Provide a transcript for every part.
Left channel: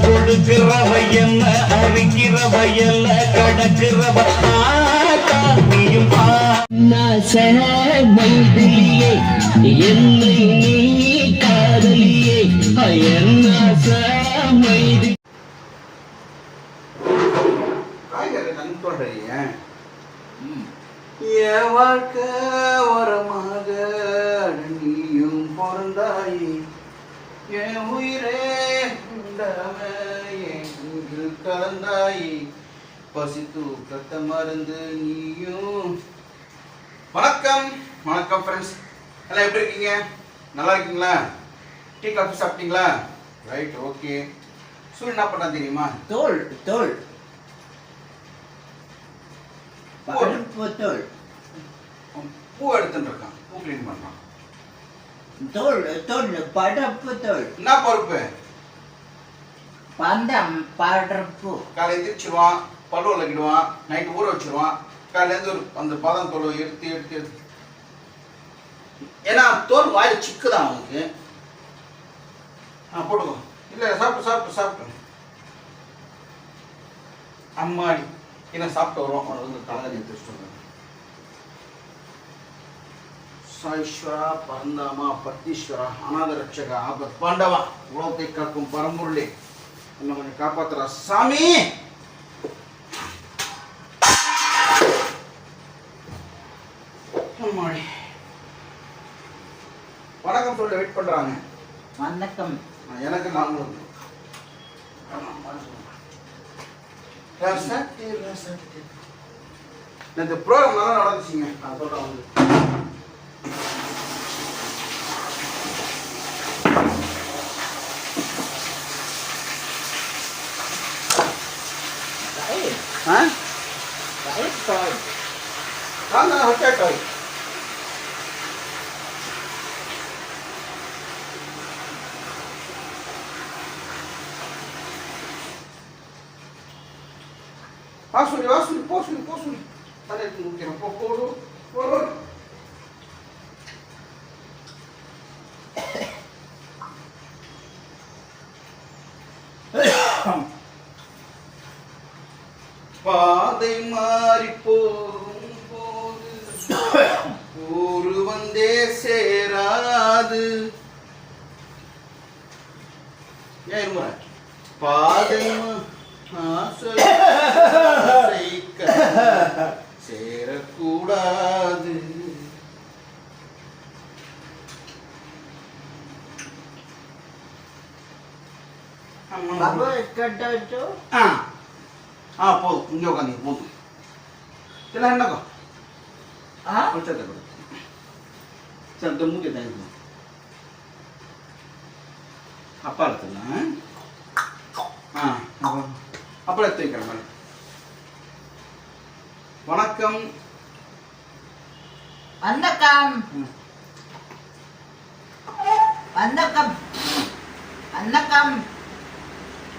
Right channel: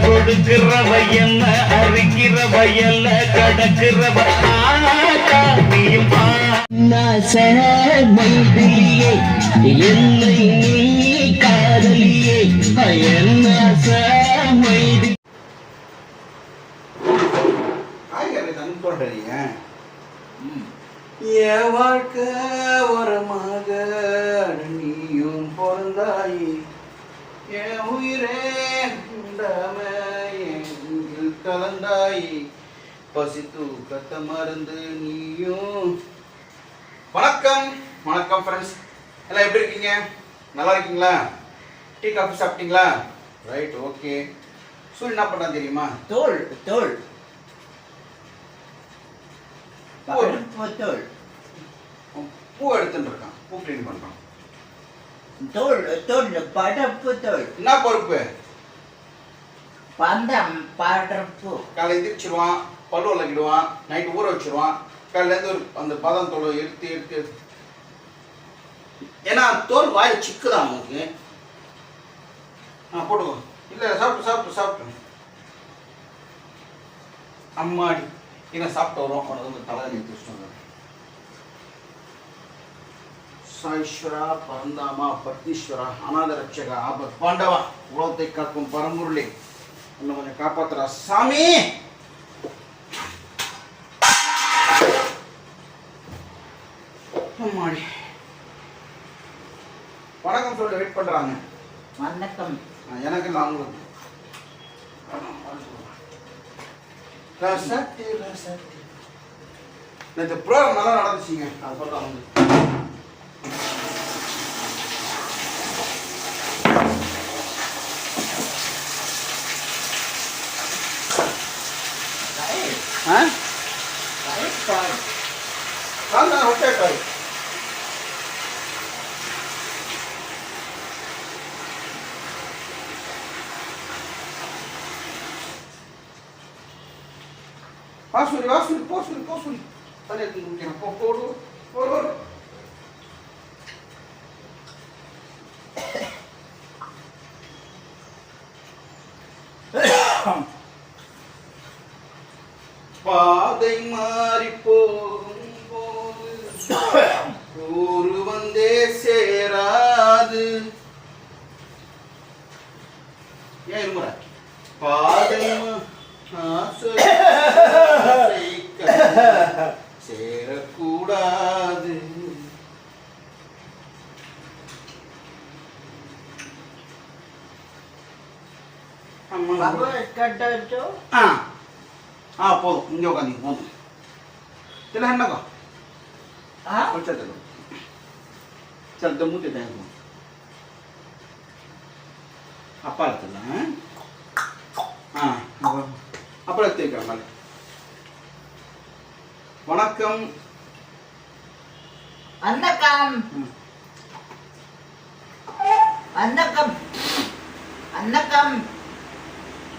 கொடுக்கிறவ என்ன அறிக்கிற வயல்ல கடக்கிறவ. மைதிலியே என்னை நீ காதலியே. என்ன மைதி என் வாழ்க்கை வரமாக நீயும் பிறந்தாயி என் உயிரே எங்கில் கலந்தாயி. பசி தூக்கத்தை மறந்து நீயும். வணக்கம் வணக்கம் ஃப்ரெண்ட்ஸ் எல்லாம் எப்படி இருக்கீங்க? நல்லா இருக்கீங்களா? டீ காஃபி சாப்பிட்டீங்களா? ரைட் ஓகே சூரியன் என்ன பண்ணான் தெரியுமா? தோல் தோல். பருப்பு தோல். பூ எடுத்துட்டு இருக்கான். பூ க்ளீன் பண்றான். தோல் தோல் படப்பு தோல். என்ன பருப்பு? பந்தம் படப்பு. காலை எந்திரிச்சிருவான் பல்லு விளக்கிடுவான் நைட் ஊற வச்சிருவான் காலையில இருந்து ஒரு அந்த பாதாம் தோலை எடுத்து எடுத்து எடுத்து. ஏன்னா தோல் வாய் சிக்குதான் அவனுக்கு ஆ போட்டுக்கோ. இல்ல சாப்பிட்டு சாப்பிட்டு சாப்பிட்டு அம்மாடி. என்ன சாப்பிட்டு வரும்? அவனுக்கு தலைவலி எடுத்து சாய்ஸ்வரா பரந்தாமா பத்தீஸ்வரா அநாத ரட்சகா ஆபத் பாண்டவா உலகத்தை காக்கும் பரம்பொருளே. இன்னும் கொஞ்சம் காப்பாத்துறா சாமி! வணக்கம் சொல்லிட்டு வெயிட் பண்றாங்க. வணக்கம். எனக்கு நான். ரசத்தி, ரசத்தி. இந்த ப்ரோக்ராம் நல்லா நடந்துச்சுங்க. அது சொல்றேன் வந்து ரைட் ஆ ரைட் பாயிண்ட் நான் ஹொட்டேட் ஆகுது வாசூரி வாசூரி போ சூரி போ சூரி சரி எடுத்து முடிக்கிறேன் போ போடு போடு பாதை மாறி போகும் போது ஊரு வந்தே சேராது ஏன் இருமுறை பாதை மா- ஆசை ஆசை கண்ணு சேரக்கூடாது ஆ போதும். இங்கே உட்காந்து போதும். என்னக்கா ஆ வச்சது சரி இந்த மூட்டை தேங்க் அப்பா எடுத்துல ஆ அப்போ- அப்புறம் எடுத்து வைக்கிறேன் மாதிரி வணக்கம் வணக்கம். வணக்கம் வணக்கம்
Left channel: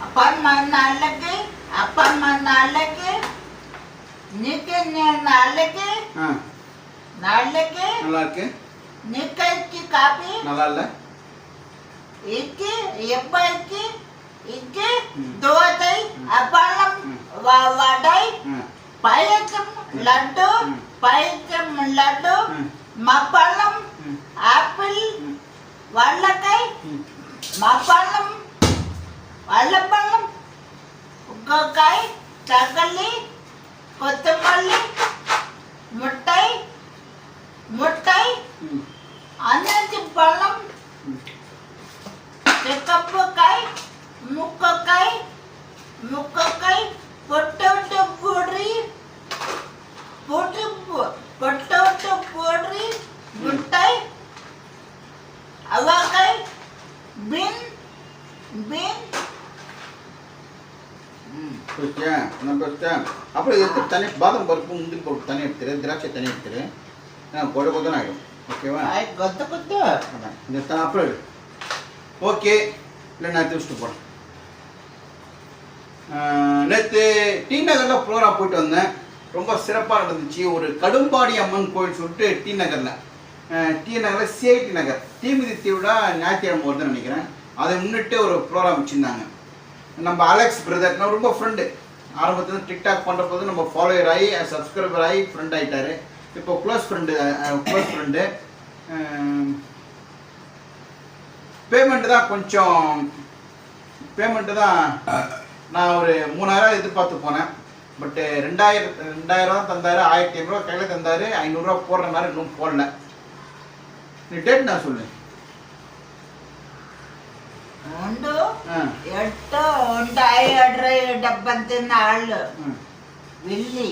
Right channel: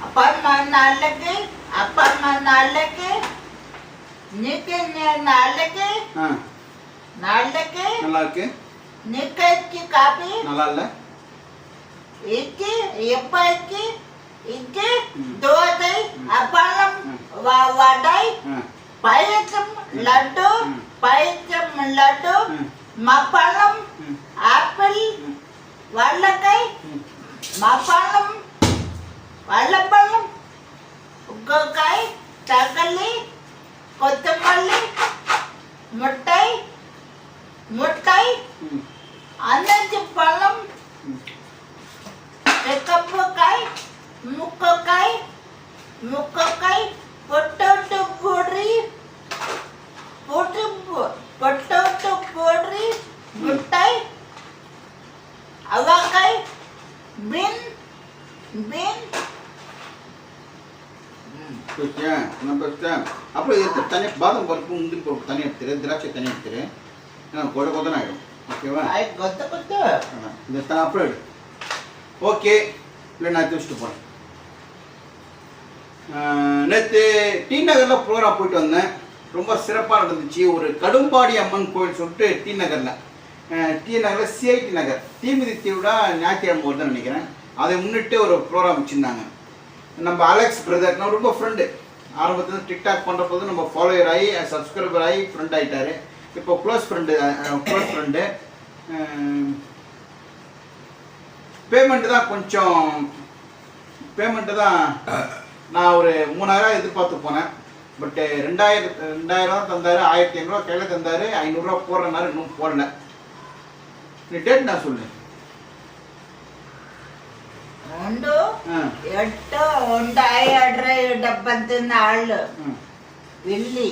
அப்பா அம்மா நாளைக்கு அப்பா அம்மா நாளைக்கு நீக்கு நாளைக்கு நாளைக்கு நல்லா இருக்கு நீக்கி காப்பி நல்லா இல்லை இக்கு எப்ப இக்கு. தோசை அப்பளம் வடை ஆ பாயசம் லட்டு ம். பாயசம் லட்டு. மப்பளம். ஆப்பிள். வல்லக்காய். மப்பளம் வல்லப்பழம் உக்கக்காய் தக்காளி కొత్తపల్లి ముట్టాయి ముట్టాయి అన్నది పళ్ళం చెక్కప్పకాయ ముక్కకాయ ముక్కకాయ தனி பாதாம் பருப்பு முந்திரி பருப்பு தனி எடுத்துரு திராட்சை தனி எடுத்துரு ஆ கொட கொதன ஆகிடும் ஓகேவா கொத்த கொத்த. இந்த அப்புறம் ஓகே இல்லை நான் எடுத்து போகிறேன் நேற்று டி நகரில் ப்ரோக்ராம் போயிட்டு வந்தேன். ரொம்ப சிறப்பாக இருந்துச்சு ஒரு கடும்பாடி அம்மன் கோயில் சொல்லிட்டு டி நகரில். டி நகரில் சிஐடி நகர். தீமிதி திருவிழா ஞாயிற்றுக்கிழமை வருதுன்னு நினைக்கிறேன். அதை முன்னிட்டு ஒரு ப்ரோக்ராம் வச்சுருந்தாங்க. நம்ம அலெக்ஸ் பிரதர் நான் ரொம்ப ஃப்ரெண்டு ஆரம்பத்தில் டிக்டாக் பண்ணுற போது நம்ம ஃபாலோயர் ஆகி சப்ஸ்கிரைபர் ஆகி ஃப்ரெண்ட் ஆகிட்டாரு இப்போ close friend close friend payment தான் கொஞ்சம் பேமெண்ட் தான் நான் ஒரு மூணாயிரம் எதிர்பார்த்து போனேன். பட்டு ரெண்டாயிரம் ரெண்டாயிரம் தான் ஆயிரத்தி ஐநூறுரூவா கையில் தந்தார் ஐநூறுரூவா போடுறனால இன்னும் போடல. நீ டேட் நான் சொல்லுங்கள் ముందు ఎట్టు ఉంటాయి అడ్రై డెబ్బతిన్న ఆళ్ళు வெள்ளி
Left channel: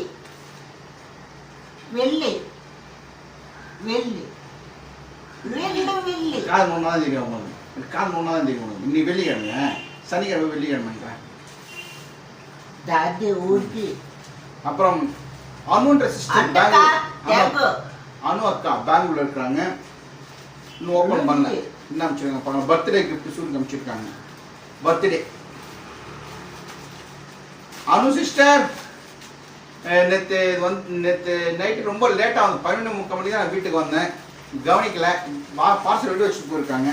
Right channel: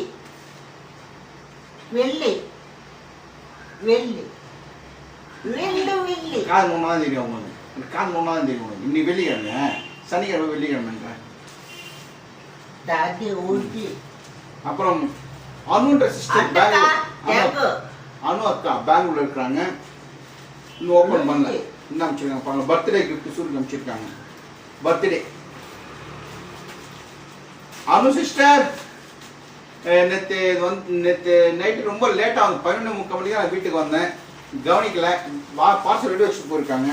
வெள்ளி வெள்ளி వెళ్ళు வெள்ளி காது மூணு நாள் தெரியும் உங்களுக்கு எனக்கு காது மூணு நாள் தெரியும் உங்களுக்கு இன்னைக்கு வெள்ளிக்கிழமை சனிக்கிழமை வெள்ளிக்கிழமைன்ற దాటి ఊరికి அப்புறம் அனுன்ற சிஸ்டர் అంటకా அனு அக்கா பெங்களூர் இருக்கிறாங்க இன்னும் ஓப்பன் பண்ணல என்ன அமைச்சிருக்காங்க பாருங்க பர்த்டே கிஃப்ட் சூட் அமைச்சிருக்காங்க பர்த்டே அனு சிஸ்டர் நேற்று இது வந்து நேற்று நைட்டு ரொம்ப லேட் ஆகுது. பதினொன்று முக்கால் மணிக்கு நான் வீட்டுக்கு வந்தேன். கவனிக்கல. வா பார்சல் ரெடி வச்சுட்டு போயிருக்காங்க.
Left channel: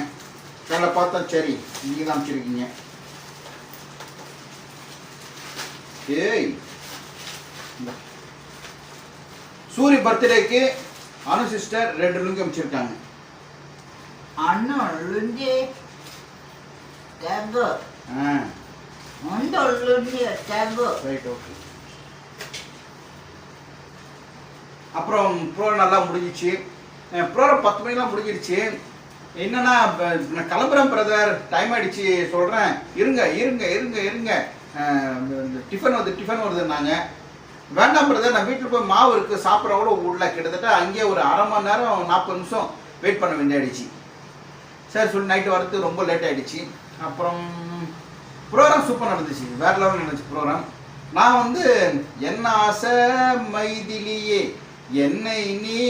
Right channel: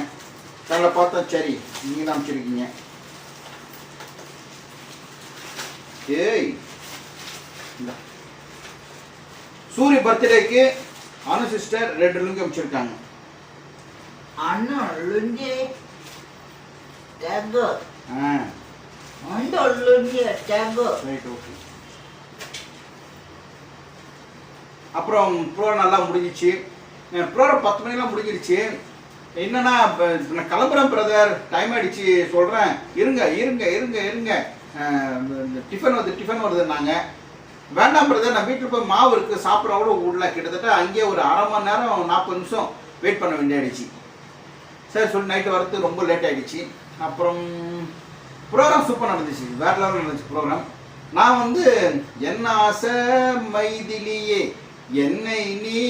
காலைல பார்த்தா சரி நீங்கள் தான் அமைச்சிருக்கீங்க ஏய். சூரிய பர்த்டேக்கு அனு சிஸ்டர் ரெண்டு லுங்கி அமைச்சிருக்காங்க അണ്ണുള്ളിൻ്റെ ടെബ് ഉണ്ടുള്ളിൻ്റെ ടെബ് ரைட் ஓகே அப்புறம் ப்ரோக்ராம் நல்லா முடிஞ்சிச்சு ப்ரோக்ராம் பத்து மணிக்கெல்லாம் முடிஞ்சிருச்சு என்னன்னா நான் கிளம்புறேன் பிரதர் டைம் ஆயிடுச்சு சொல்கிறேன் இருங்க இருங்க இருங்க இருங்க. டிஃபன் வருது டிஃபன் வருதுன்னாங்க வேண்டாம் பிரதர் நான் வீட்டில் போய் மாவு இருக்குது சாப்பிட்ற கூட உள்ள கிட்டத்தட்ட அங்கேயே ஒரு அரை மணி நேரம் நாற்பது நிமிஷம் வெயிட் பண்ண வேண்டியாயிடுச்சு சரி சொல்லி நைட்டு வரது ரொம்ப லேட் ஆகிடுச்சு அப்புறம் ப்ரோக்ராம் சூப்பராக நடந்துச்சு. வேற லெவலில் நடந்துச்சு ப்ரோக்ராம் நான் வந்து என்ன ஆசை மைதிலியே என்னை நீ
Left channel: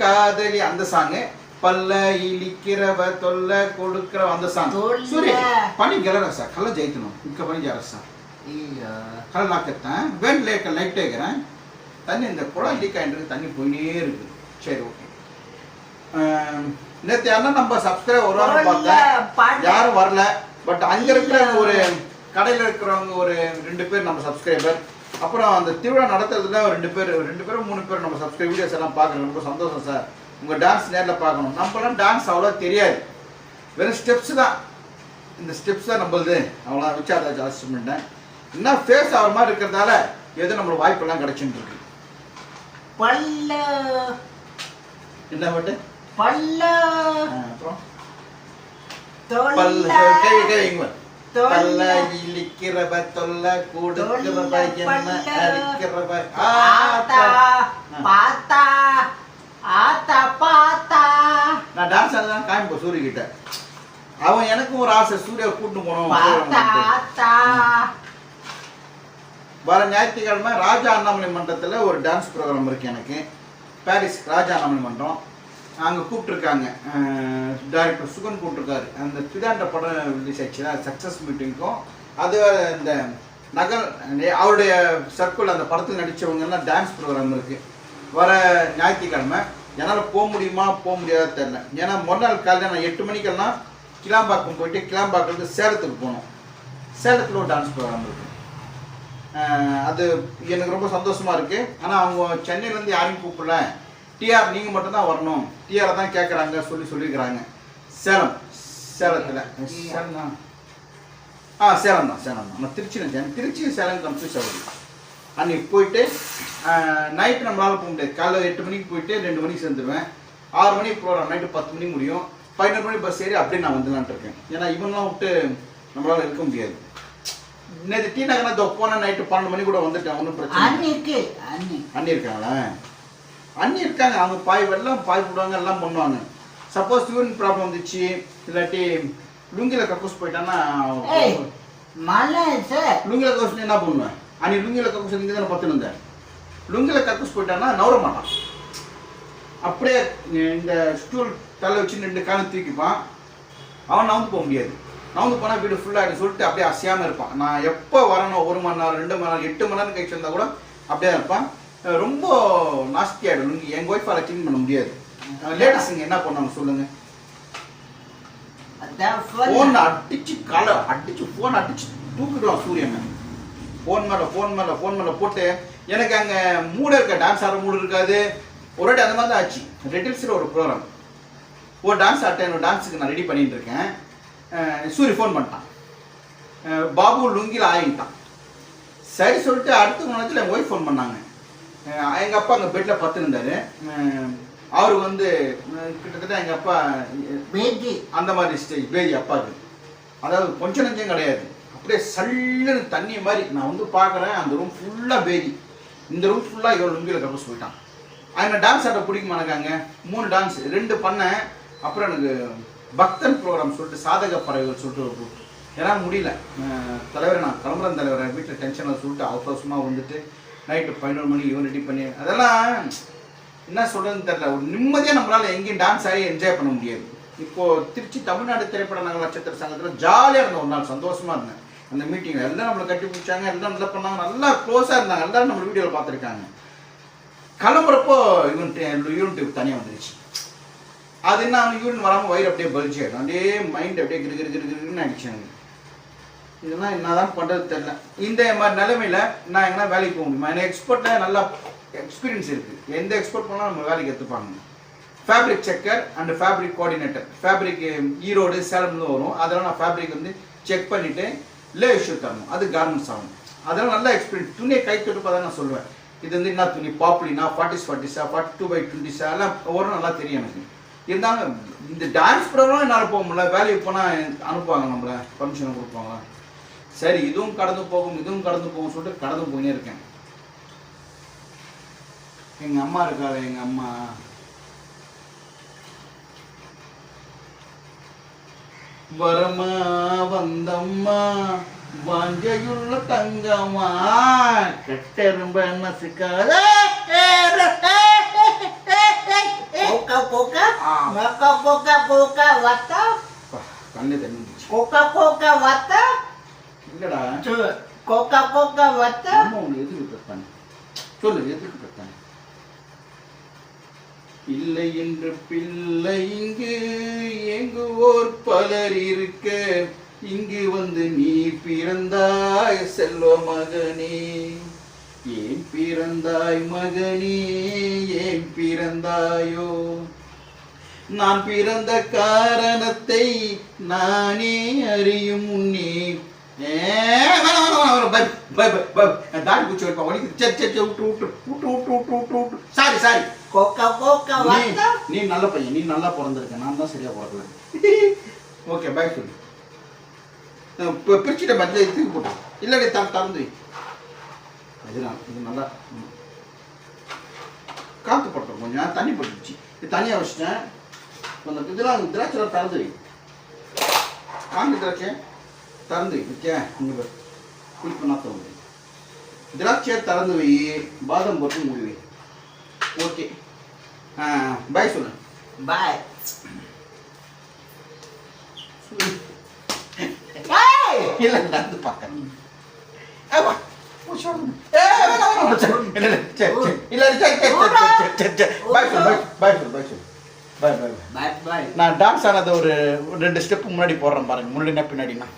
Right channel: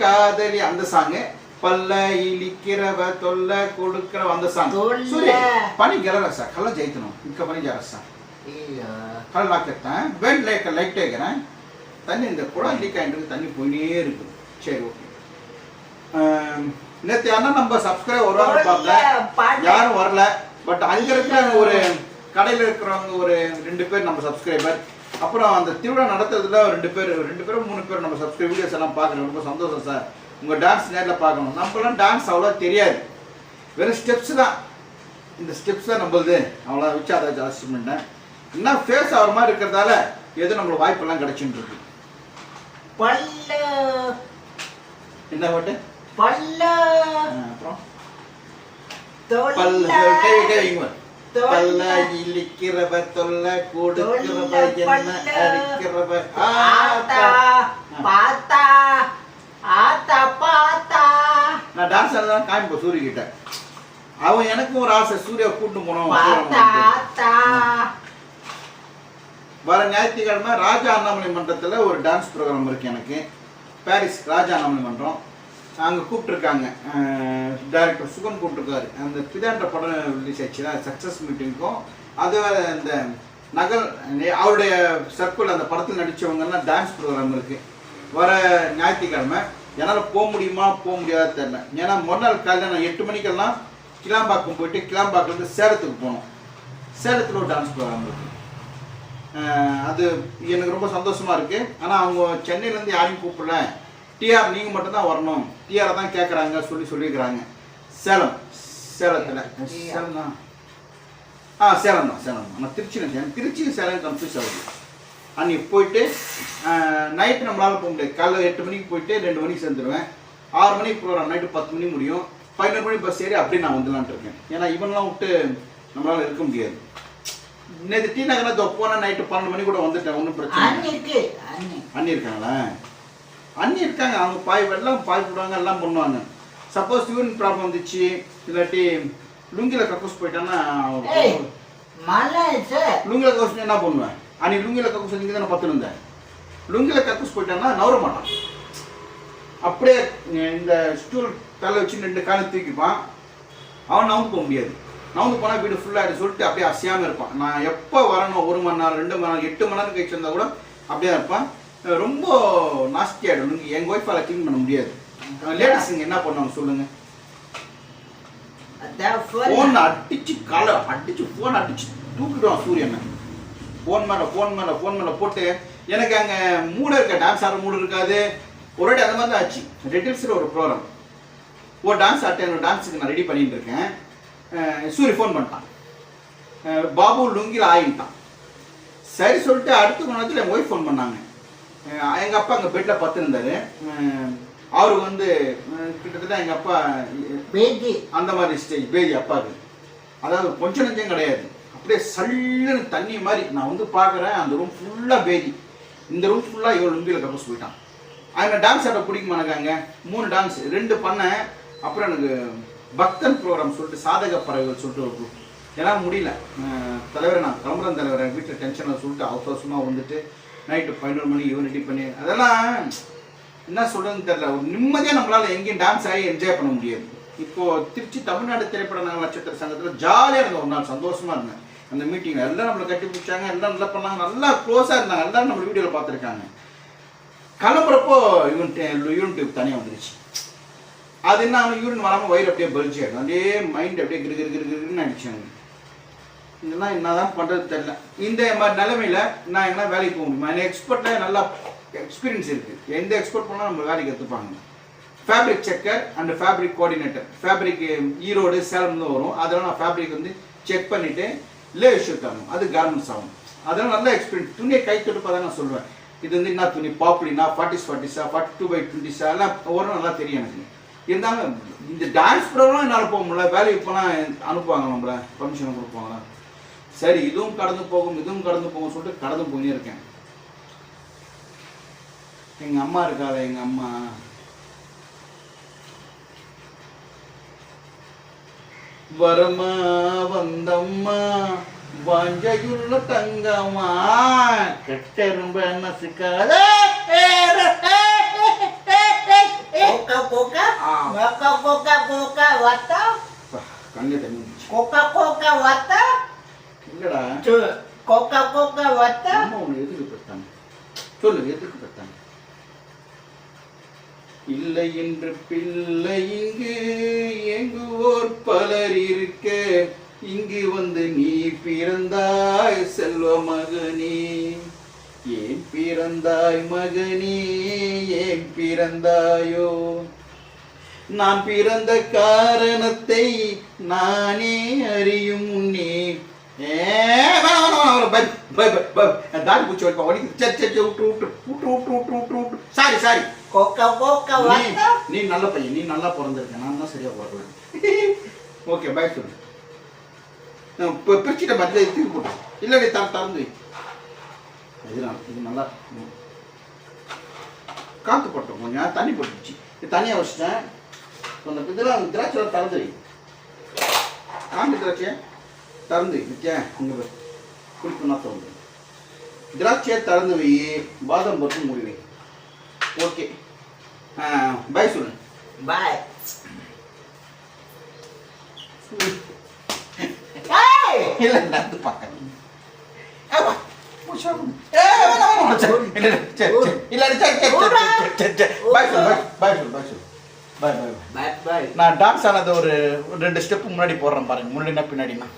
காதலி அந்த சாங்கு பல்ல இழிக்கிறவ தொல்ல கொடுக்கிற அந்த சாங் சூரிய பனி கெலரசா கல்ல ஜெயித்தணும். இக்க பனி ஜாரசா கல்ல நாக்கத்தான் வேண்டில் லைட் வைக்கிறேன் தண்ணி இந்த குழாய் லீக் தண்ணி போயினே இருக்குது. சரி ஓகே நேற்று யாரும் நம்ம சப்ஸ்கிரைப் ஒரு வாரம் பார்த்தேன். யாரும் வரல. பட் அங்கே இருக்கிற ஒரு கடையில் இருக்கிறவங்க ஒரு ரெண்டு பேர் நம்ம சப்ஸ்கிரைபர் அப்புறம் அந்த திருவிழா நடத்துறதுல ரெண்டு பேர் ரெண்டு பேரும் மூணு பேர் நம்ம சப்ஸ்கிரைப் வீடியோஸ் எல்லாம் பார்க்கணும். ரொம்ப சந்தோஷம் சார் உங்கள் டான்ஸ் நேரில் பார்க்கணும். நம்மளாம் டான்ஸ் அவ்வளோ தெரியாது. வெறும் ஸ்டெப்ஸ் தான். இந்த ஸ்டெப்ஸ் தான் நம்மளது. அவ்வளோ வச்சு அதை ஜாஸ்தி பண்ணிட்டேன். என்ன ஃபேஸ் ஆகிற மாதிரி இருக்கிறதால எது நம்மளுக்கு வாய்ப்பெல்லாம் கிடைச்சிட்டு இருக்கு. பல்ல என்ன பாட்டு? நான் டான்ஸ் ஆடலாம் காமிப்போம் சூரிய கிட்ட. அவன் எனக்கும் ஒரு ஆசை சூர்யா கூட்டு போனோம் வர ஞாயிற்றுக்கிழமை ராஜா அண்ணாமலை மன்றத்தில் ஒரு டான்ஸ் ப்ரோக்ராம் இருக்கு எனக்கு. பாரிஸ் ராஜா அண்ணாமலை மன்றம். அங்கே கூப்பிட்டுருக்காங்க. டைரக்டர் சுகன் கூப்பிட்டுருக்காரு. அந்த பிதாண்ட படம் ரிலீஸ் ஆச்சுன்னா சக்ஸஸ் மீட்டிங்க்கும் அது இந்த நகல் அவருடைய சர்க்கிள் அந்த படத்தில் நடித்தவங்கெல்லாம் டான்ஸ் ப்ரோக்ராம் இருக்குது வர ஞாயிற்றுக்கிழமை என்னால் போக முடியுமா போக முடியாத தெரில ஏன்னா மறுநாள் காலையில் நான் எட்டு மணிக்கெல்லாம் கிளாம்பாக்கம் போயிட்டு கிளாம்பாக்கிலேருந்து சேலத்துக்கு போனோம். சேலத்தில் ஒரு டான்ஸ் ப்ரோக்ராம் இருக்குது அது எனக்கு ரொம்ப சந்தோஷமாக இருக்குது ஆனால் அவங்க சென்னையிலேருந்து யாரையும் கூப்பிடல. டிஆர் நீங்க மட்டும் தான் வரணும் டிஆர் தான் கேக்குறாங்க சொல்லி சொல்லியிருக்கிறாங்க சேலம். சேலத்துல. சேலம் தான் ஆ சேலம் தான் சேலம் தான் நான் திருச்சி நினைச்சேன் திருச்சி சேலம் கன்ஃபியூஸ் ஆகுது அன்னைக்கு போயிட்டு நைட் நம்மளால போக முடியாது. காலைல எட்டு மணிக்கு போயிட்டு ரெண்டு மணிக்கு சேர்ந்துருவேன். ஆறு மணிக்கு ப்ரோக்ராம் நைட்டு பத்து மணிக்கு முடியும். பதினொரு மணி பஸ் ஏறி அப்படியே நான் வந்துடலான்ட்டு இருக்கேன். ஏன்னா இவன்லாம் விட்டு நம்மளால இருக்க முடியாது. நேற்று டி நகர்னா இதோ போனேன் நைட்டு பன்னெண்டு மணி கூட வந்துட்டேன். ஒன்றும் பிரச்சனை அண்ணி இருக்காங்களா அண்ணி இருக்காங்க. அவங்க பாய் எல்லாம் பாய் போடுவாங்க எல்லாம் பண்ணுவாங்க. சப்போஸ் யூரின் ப்ராப்ளம் வந்துச்சு இல்லாட்டி லுங்கில கக்கூஸ் போயிட்டான்னா மலை சார் லுங்கில கக்கூஸ் என்ன பண்ணுவேன் அன்னைக்கு லுங்கில கக்கூஸ் இங்கே தானே பார்த்துட்டு இருந்தேன் லுங்கில கக்கூஸ் போயிட்டான்னா நவர மாட்டான். அப்படியே இந்த ஸ்டூல் தலை வச்சு ரெண்டு காலம் தூக்கிப்பான். அவன் நவுந்து போக முடியாது. நவுந்து போனால் வீடு ஃபுல்லாகிடும் சொல்லிட்டு அப்படியே அசையாமல் இருப்பான். நான் எப்போ வரணும் ஒரு மணி நேரம் ரெண்டு மணி நேரம் எட்டு மணி நேரம் கழிச்சு வந்தால் கூட அப்படியே இருப்பான். ரொம்ப நாஸ்தி ஆகிடும் எங்கள் ஒய்ஃபால் க்ளீன் பண்ண முடியாது. லேடிஸுங்க என்ன பண்ணுவாங்க சொல்லுங்கள் அதான் ஃபோன் அடிச்சு காலை அடிச்சு ஃபோன் அடிச்சு தூக்கிடுவான் சூரியனை. ஃபோன் மேலே ஃபோன் மேலே ஃபோன் மேலே போட்டு எனக்கு அங்கே மூடு இருக்க டான்ஸ் ஆடுற மூடு இருக்காது. ஒரு வாட்டி அந்த மாதிரி தான் ஆச்சு. டெட்டில்ஸில் ஒரு ப்ரோக்ராம் ஒரு டான்ஸ் ஆட்ட ஒரு டான்ஸுக்கு நான் ரெடி பண்ணிட்டு இருக்கேன். சூரிய ஃபோன் பண்ணிட்டான். பாபு லுங்கியில் ஆயிட்டான். சரி சொல்லிட்டு அடுத்த நேரத்தில் எங்கள் ஒய்ஃப் ஃபோன் பண்ணாங்க. அஹ் எங்க அப்பா அங்கே பெட்டில் பத்துருந்தாரு அவருக்கு வந்து கிட்டத்தட்ட எங்கள் அப்பா பேஜி அந்த மாதிரி ஸ்டேஜ் பேஜ் அப்பாவுக்கு. அதாவது கொஞ்சம் நெஞ்சம் கிடையாது. அப்படியே சல்லுன்னு தண்ணி மாதிரி நான் வந்து பார்க்குறேன் அந்த ரூம் ஃபுல்லாக பேஜி இந்த ரூம் ஃபுல்லாக இவன் லுங்கியில் கப்பஸ் போயிட்டான் அவன் டான்ஸ் ஆட பிடிக்குமா இருக்காங்க மூணு டான்ஸ் ரெண்டு பண்ணேன் அப்புறம் எனக்கு பக்தன் ப்ரோக்ராம் சொல்லிட்டு சாதக பறவைகள் சொல்லிட்டு ஒரு. என்னால் முடியல. தலைவரை நான் கிளம்புறேன் தலைவரை வீட்டில் டென்ஷனாக சொல்லிட்டு அவசர அவசரமாக வந்துட்டு நைட்டு பதினோரு மணிக்கு இவன் ரெடி பண்ணி அதெல்லாம் என்ன சொல்றதுன்னு தெரியல. ஒரு நிம்மதியாக நம்மளால் எங்கேயும் டான்ஸ் ஆகி என்ஜாய் பண்ண முடியாது. இப்போ திருச்சி தமிழ்நாடு திரைப்பட நகர நட்சத்திர சங்கத்தில் ஜாலியாக இருந்தேன் ஒரு நாள் சந்தோஷமா இருந்தேன். அந்த மீட்டிங்கில் எல்லாம் நம்மளை கட்டி பிடிச்சாங்க எல்லாம் நல்லா பண்ணாங்க நல்லா க்ளோஸாக இருந்தாங்க. எல்லாரும் நம்ம வீடியோவில் பார்த்துருக்காங்க. கிளம்புறப்போ இவன் யூனிட் தனியாக வந்துருச்சு. அது என்ன அவன் யூரின் வராமல் வயிறு அப்படியே பலிச்சு ஆயிடும். அப்படியே மைண்ட் அப்படியே கிரு கிரு கிரு கிருன்னு ஆயிடுச்சு இதெல்லாம் என்னதான் பண்றது தெரியல. இந்த மாதிரி நிலைமையில நான் எங்கன்னா வேலைக்கு போக முடியுமா? எனக்கு எக்ஸ்பர்ட்ல நல்லா எக்ஸ்பீரியன்ஸ் இருக்கு. எந்த எக்ஸ்பர்ட் போனாலும் நம்ம வேலைக்கு எடுத்துப்பாங்க fabric checker and fabric coordinator fabric Erode Salem தான் வரும். அதெல்லாம் நான் ஃபேப்ரிக் வந்து செக் பண்ணிட்டு லே இஷ்யூ தரணும். அது கார்மெண்ட்ஸ் ஆகும். அதெல்லாம் நல்லா எக்ஸ்பீரியன்ஸ் துணியை கை தொட்டு தான் நான் சொல்லுவேன் இது வந்து என்ன துணி? பாப்புலினா ஃபார்ட்டிஸ் ஃபார்ட்டிஸா ஃபார்ட்டி டூ பை டுவெண்ட்டிஸா எல்லாம் வரும். நல்லா தெரியும் எனக்கு. இருந்தாலும் இந்த டான்ஸ் ப்ரோக்ராம் என்னால் போக முடியல. வேலைக்கு போனால் அனுப்புவாங்க நம்மளை? பர்மிஷன் கொடுப்பாங்களா? சரி இதுவும் கடந்து போகும் இதுவும் கடந்து போகும் சொல்லிட்டு கடந்து போயினே இருக்கேன். எங்க அம்மா இருக்காளே எங்க அம்மா. வரமா வந்தம்மா வாஞ்சையுள்ள தங்கம்மா. கட்டெரும்ப நசுக்காத. கோக்கா கோக்கா வத்தா. கண்ணே தண்ணி. கோக்கா கோக்கா வத்தா. இல்லடா. கோக்கா கோக்கா வத்தா. அம்மா உன்னை எதுக்கு பெற்றாங்க சொல்லு எதுக்கு பெற்றாங்க இல்லை என்று பிள்ளை இங்கு எங்குவோர் பலர் இருக்க இங்கு வந்து நீ பிறந்தாய் செல்வ மகனே. ஏன் பிறந்தாய் மகனே ஏன் பிறந்தாயோ? நான் பிறந்த காரணத்தை நானே அறியும் முன்னே ஏ, வேணாம், வேணாம், வேணாம், வேணாம், பை, பை, பை, தாடி பூச்சி வைப்பேன் வலிக்குது. சே, சே, சே, விட்டு, விட்டு, விட்டு, விட்டு, விட்டு, விட்டு, விட்டு. Sorry sorry. கோக்கா கோக்கா நீ நல்ல பையன் நீ நல்லா பிறந்திருக்க. நான் தான் சரியா பிறக்கல ஓகே பை சொல்லு. இப்போ பிரிச்சுட்ட மத்திய தூக்கி போட்டு. இல்லடி த திறந்து. இது நான் இது நல்லா. காத்து போட்டோம் கொஞ்சம் தண்ணி போட்டுச்சு இது தனியாக வச்சிட்டேன். இந்த இதெல்லாம் திராட்சை திறந்து காஞ்சி திராட்சை. திறந்து வை ஓகே இங்கே குளிப்பு நான் திறந்து வை. திராட்சையை திறந்து வை பாதாம் பருப்பு மூடி ஓகே. பாய் சொல்லு. பாய் இல்லை நடந்து பார்க்க ஏப்பா பாய் சொல்லு பாய் சொல்லு பாய் சொல்லு. பாய் பாய் பாய் பாய் நான் டான்ஸ் ஆனது ஒரு ரெண்டு ஸ்டெப் முன்னாடி போடுறேன் பாருங்க. முன்னாடினா பின்னாடினா